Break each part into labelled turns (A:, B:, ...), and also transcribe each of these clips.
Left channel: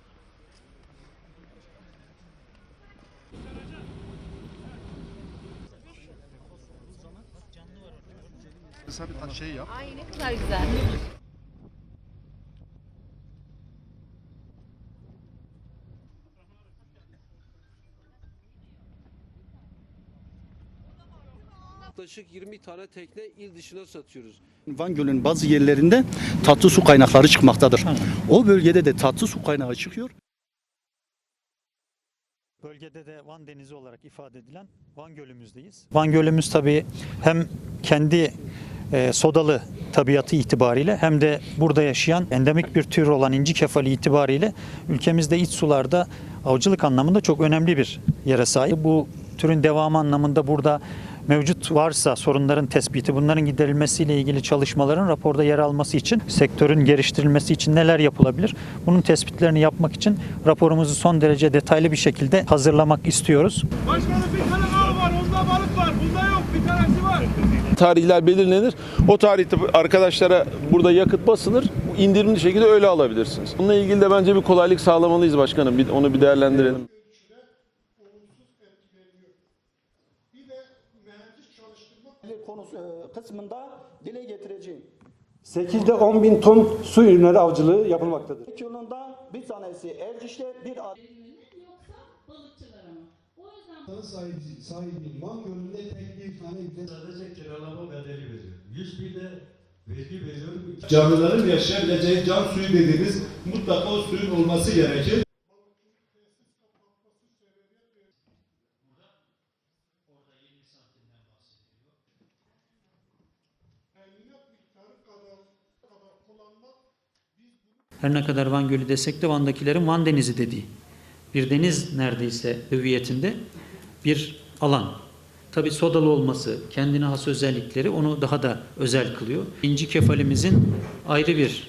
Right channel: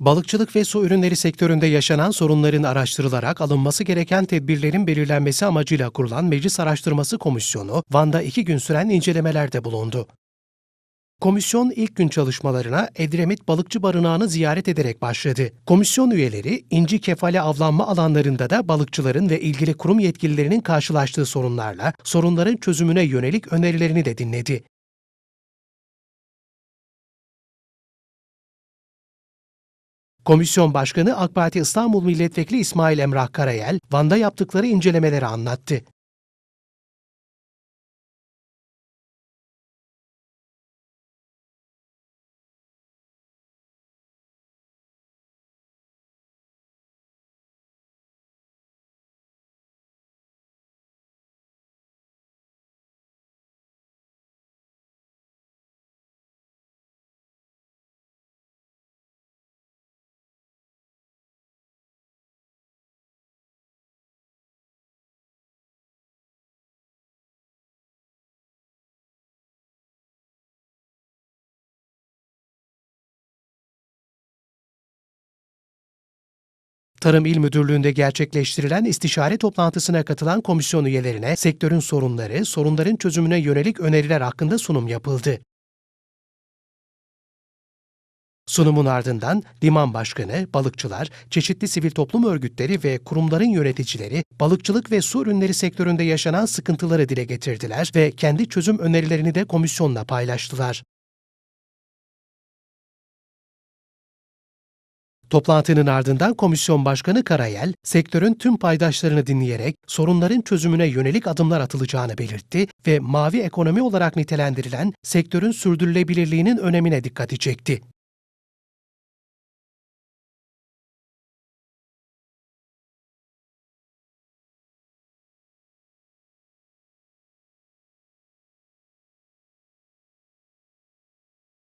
A: Balıkçılık ve su ürünleri sektöründe yaşanan sorunların araştırılarak alınması gereken tedbirlerin belirlenmesi amacıyla kurulan Meclis Araştırması Komisyonu, Van'da iki gün süren incelemelerde bulundu. Komisyon ilk gün çalışmalarına Edremit Balıkçı Barınağı'nı ziyaret ederek başladı. Komisyon üyeleri inci kefale avlanma alanlarında da balıkçıların ve ilgili kurum yetkililerinin karşılaştığı sorunlarla sorunların çözümüne yönelik önerilerini de dinledi.
B: Van Gölü'nün bazı yerlerinde tatlı su kaynakları çıkmaktadır. O bölgede de tatlı su kaynağı çıkıyor.
A: Komisyon Başkanı AK Parti İstanbul Milletvekili İsmail Emrah Karayel, Van'da yaptıkları incelemeleri anlattı.
C: Van Gölümüz tabii hem kendi e, sodalı tabiatı itibariyle hem de burada yaşayan endemik bir tür olan inci kefali itibariyle ülkemizde iç sularda avcılık anlamında çok önemli bir yere sahip. Bu türün devamı anlamında burada mevcut varsa sorunların tespiti, bunların giderilmesiyle ilgili çalışmaların raporda yer alması için, sektörün geliştirilmesi için neler yapılabilir? Bunun tespitlerini yapmak için raporumuzu son derece detaylı bir şekilde hazırlamak istiyoruz.
D: Başkanım bir var, onda balık var, bunda yok, bir tanesi var.
E: tarihler belirlenir. O tarihte arkadaşlara burada yakıt basılır. indirimli şekilde öyle alabilirsiniz. Bununla ilgili de bence bir kolaylık sağlamalıyız başkanım. Bir, onu bir değerlendirelim.
A: Tarım İl Müdürlüğü'nde gerçekleştirilen istişare toplantısına katılan komisyon üyelerine sektörün sorunları, sorunların çözümüne yönelik öneriler hakkında sunum yapıldı.
F: 8'de 10 bin ton su ürünleri avcılığı yapılmaktadır.
A: Sunumun ardından liman başkanı, balıkçılar, çeşitli sivil toplum örgütleri ve kurumların yöneticileri balıkçılık ve su ürünleri sektöründe yaşanan sıkıntıları dile getirdiler ve kendi çözüm önerilerini de komisyonla paylaştılar.
D: Canlıların yaşayabileceği can suyu dediğimiz mutlaka o suyun olması gerekir.
A: Toplantının ardından komisyon başkanı Karayel, sektörün tüm paydaşlarını dinleyerek sorunların çözümüne yönelik adımlar atılacağını belirtti ve mavi ekonomi olarak nitelendirilen sektörün sürdürülebilirliğinin önemine dikkati çekti.
C: Her ne kadar Van Gölü desek de Van'dakilerin Van Denizi dediği. Bir deniz neredeyse hüviyetinde bir alan. Tabii sodalı olması, kendine has özellikleri onu daha da özel kılıyor. İnci kefalimizin ayrı bir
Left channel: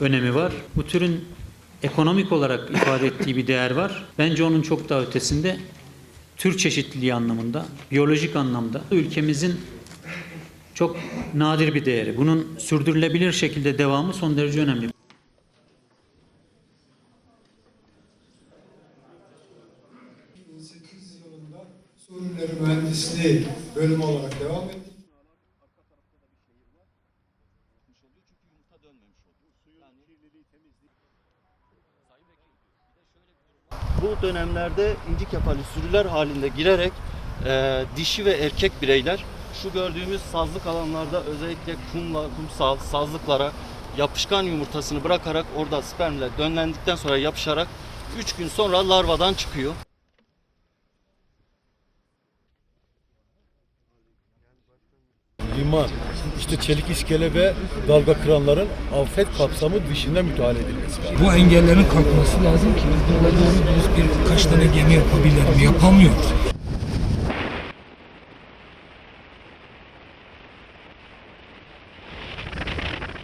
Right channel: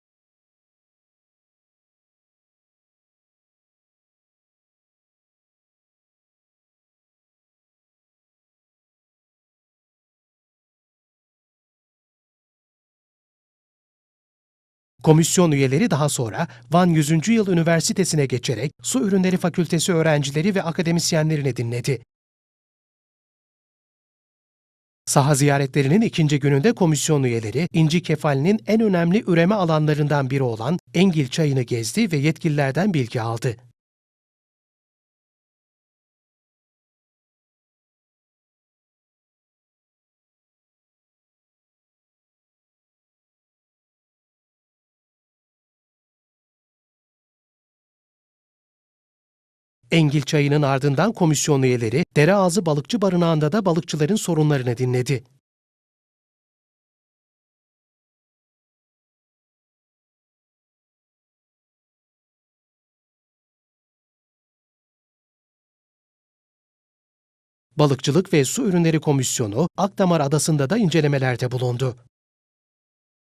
C: önemi var. Bu türün ekonomik olarak ifade ettiği bir değer var. Bence onun çok daha ötesinde tür çeşitliliği anlamında, biyolojik anlamda ülkemizin çok nadir bir değeri. Bunun sürdürülebilir şekilde devamı son derece önemli.
A: Komisyon üyeleri daha sonra Van 100. Yıl Üniversitesi'ne geçerek Su Ürünleri Fakültesi öğrencileri ve akademisyenlerini dinledi.
G: ürünleri mühendisliği bölümü olarak devam etti.
A: Saha ziyaretlerinin ikinci gününde komisyon üyeleri inci kefalinin en önemli üreme alanlarından biri olan Engil Çayı'nı gezdi ve yetkililerden bilgi aldı.
B: Bu dönemlerde inci kefali sürüler halinde girerek e, dişi ve erkek bireyler şu gördüğümüz sazlık alanlarda özellikle kumla, kumsal, sazlıklara yapışkan yumurtasını bırakarak orada spermle dönlendikten sonra yapışarak 3 gün sonra larvadan çıkıyor.
A: Engil Çayı'nın ardından komisyon üyeleri Dereazı Balıkçı Barınağı'nda da balıkçıların sorunlarını dinledi.
G: Liman, işte çelik iskele ve dalga kıranların afet kapsamı dışında müdahale edilmesi lazım.
H: Bu engellerin kalkması lazım ki biz burada doğru dürüst birkaç tane gemi yapabilir mi? Yapamıyoruz.
A: Balıkçılık ve Su Ürünleri Komisyonu Akdamar Adası'nda da incelemelerde bulundu.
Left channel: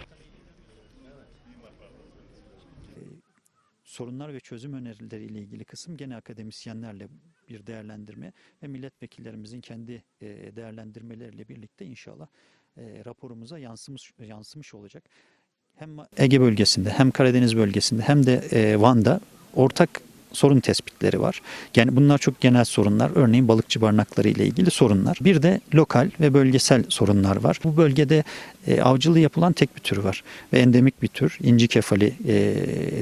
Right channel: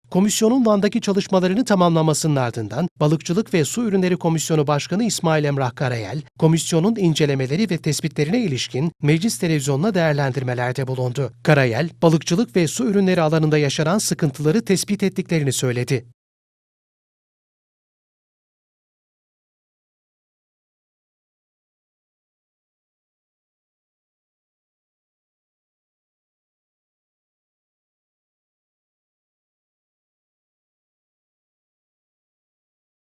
A: Komisyonun Van'daki çalışmalarını tamamlamasının ardından Balıkçılık ve Su Ürünleri Komisyonu Başkanı İsmail Emrah Karayel, komisyonun incelemeleri ve tespitlerine ilişkin meclis televizyonuna değerlendirmelerde bulundu. Karayel, balıkçılık ve su ürünleri alanında yaşanan sıkıntıları tespit ettiklerini söyledi.
C: Ege bölgesinde hem Karadeniz bölgesinde hem de e, Van'da ortak sorun tespitleri var. Yani bunlar çok genel sorunlar. Örneğin balıkçı barınakları ile ilgili sorunlar. Bir de lokal ve bölgesel sorunlar var. Bu bölgede e, avcılığı yapılan tek bir tür var ve endemik bir tür inci kefali e,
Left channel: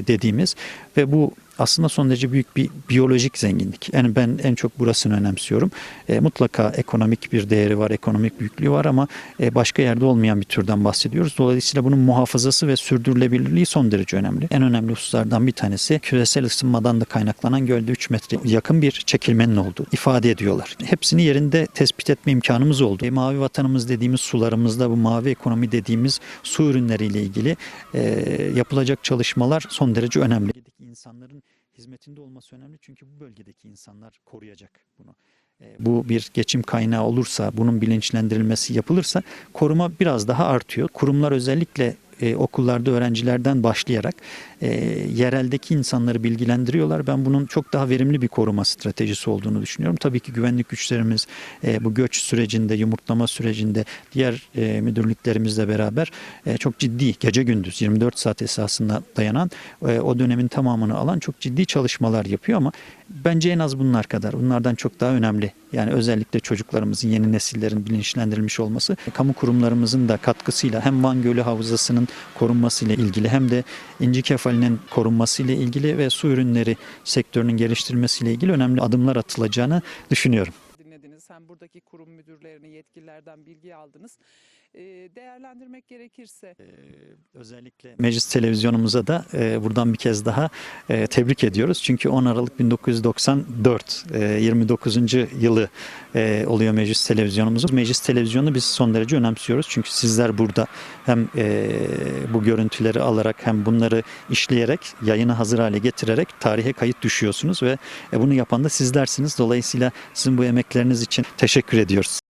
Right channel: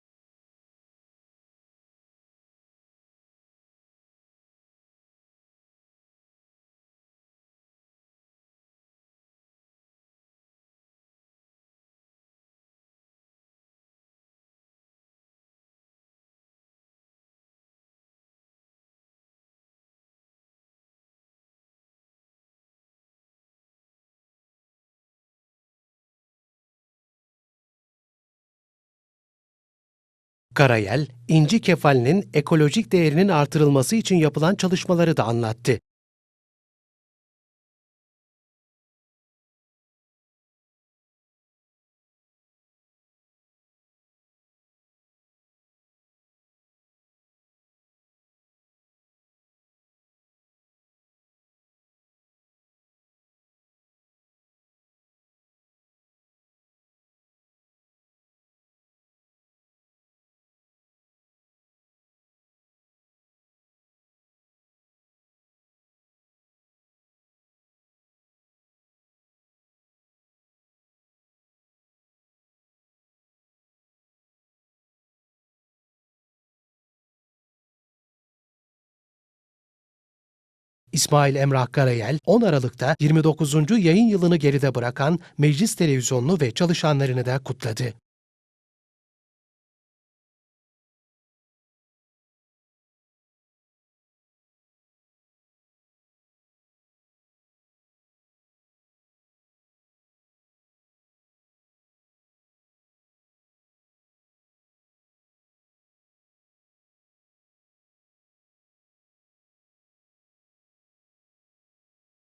C: dediğimiz ve bu aslında son derece büyük bir biyolojik zenginlik. Yani ben en çok burasını önemsiyorum. E, mutlaka ekonomik bir değeri var, ekonomik büyüklüğü var ama e, başka yerde olmayan bir türden bahsediyoruz. Dolayısıyla bunun muhafazası ve sürdürülebilirliği son derece önemli. En önemli hususlardan bir tanesi küresel ısınmadan da kaynaklanan gölde 3 metre yakın bir çekilmenin olduğu ifade ediyorlar. Hepsini yerinde tespit etme imkanımız oldu. E, mavi vatanımız dediğimiz sularımızda bu mavi ekonomi dediğimiz su ürünleriyle ilgili e, yapılacak çalışmalar son derece önemli.
A: Karayel, inci kefalinin ekolojik değerinin artırılması için yapılan çalışmaları da anlattı.
C: bu bir geçim kaynağı olursa, bunun bilinçlendirilmesi yapılırsa koruma biraz daha artıyor. Kurumlar özellikle e, okullarda öğrencilerden başlayarak e, yereldeki insanları bilgilendiriyorlar. Ben bunun çok daha verimli bir koruma stratejisi olduğunu düşünüyorum. Tabii ki güvenlik güçlerimiz e, bu göç sürecinde, yumurtlama sürecinde diğer e, müdürlüklerimizle beraber e, çok ciddi gece gündüz 24 saat esasında dayanan e, o dönemin tamamını alan çok ciddi çalışmalar yapıyor ama bence en az bunlar kadar. Bunlardan çok daha önemli. Yani özellikle çocuklarımızın, yeni nesillerin bilinçlendirilmiş olması, kamu kurumlarımızın da katkısıyla hem Van Gölü Havzası'nın korunmasıyla ilgili hem de İnci Kefali'nin korunmasıyla ilgili ve su ürünleri sektörünün geliştirilmesiyle ilgili önemli adımlar atılacağını düşünüyorum.
A: İsmail Emrah Karayel 10 Aralık'ta 29. yayın yılını geride bırakan Meclis Televizyonunu ve çalışanlarını da kutladı.
C: Meclis televizyonumuza da e, buradan bir kez daha e, tebrik ediyoruz. Çünkü 10 Aralık 1994 e, 29. yılı e, oluyor meclis televizyonumuzun. Meclis televizyonu biz son derece önemsiyoruz. Çünkü sizler burada hem e, bu görüntüleri alarak hem bunları işleyerek yayını hazır hale getirerek tarihe kayıt düşüyorsunuz ve e, bunu yapan da sizlersiniz. Dolayısıyla sizin bu emekleriniz için teşekkür ediyoruz.